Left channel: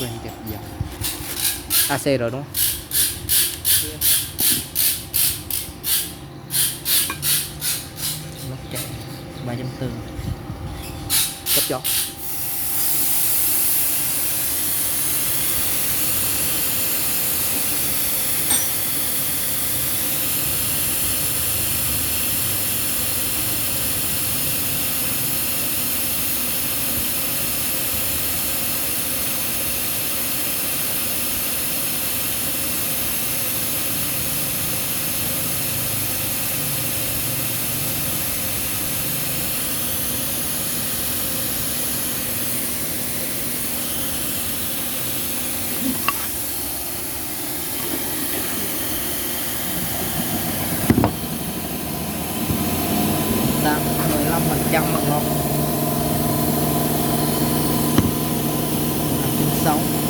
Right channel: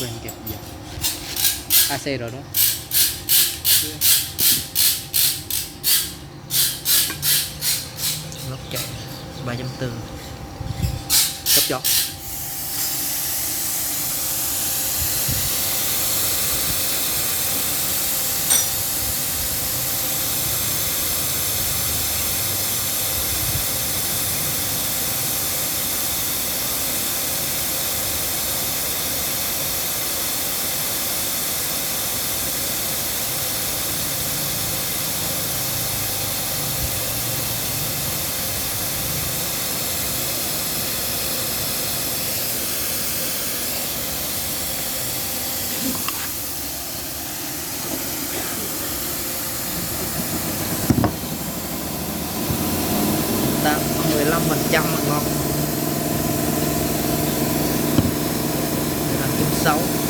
quên kẹp dòng AC rồi đúng không? Lốc chạy 3.4 cấp gió. Tạm 15% mà ngon. 15.6